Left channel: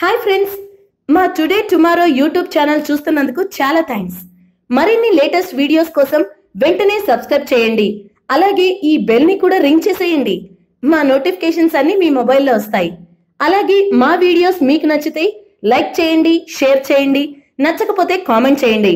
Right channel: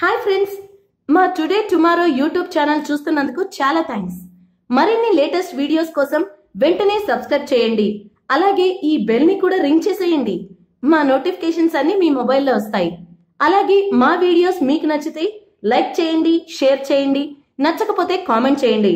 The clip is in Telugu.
హాయ్ ఫ్రెండ్స్, మా టుడే టుమారో యూట్యూబ్ ఛానల్ చూస్తున్నందుకు చాలా థ్యాంక్స్. మరిన్ని లేటెస్ట్ వీడియోస్ కోసం వెంటనే సబ్స్క్రైబ్ చేయండి. అలాగే ఈ బెల్ ని కూడా రింగ్ చేసేయండి. మా నోటిఫికేషన్స్ అన్ని మీ మొబైల్లో వస్తాయి. అలాగే మా వీడియోస్ మీకు నచ్చితే లైక్ చేయండి, షేర్ చేయండి, నచ్చకపోతే కామెంట్ చేయండి.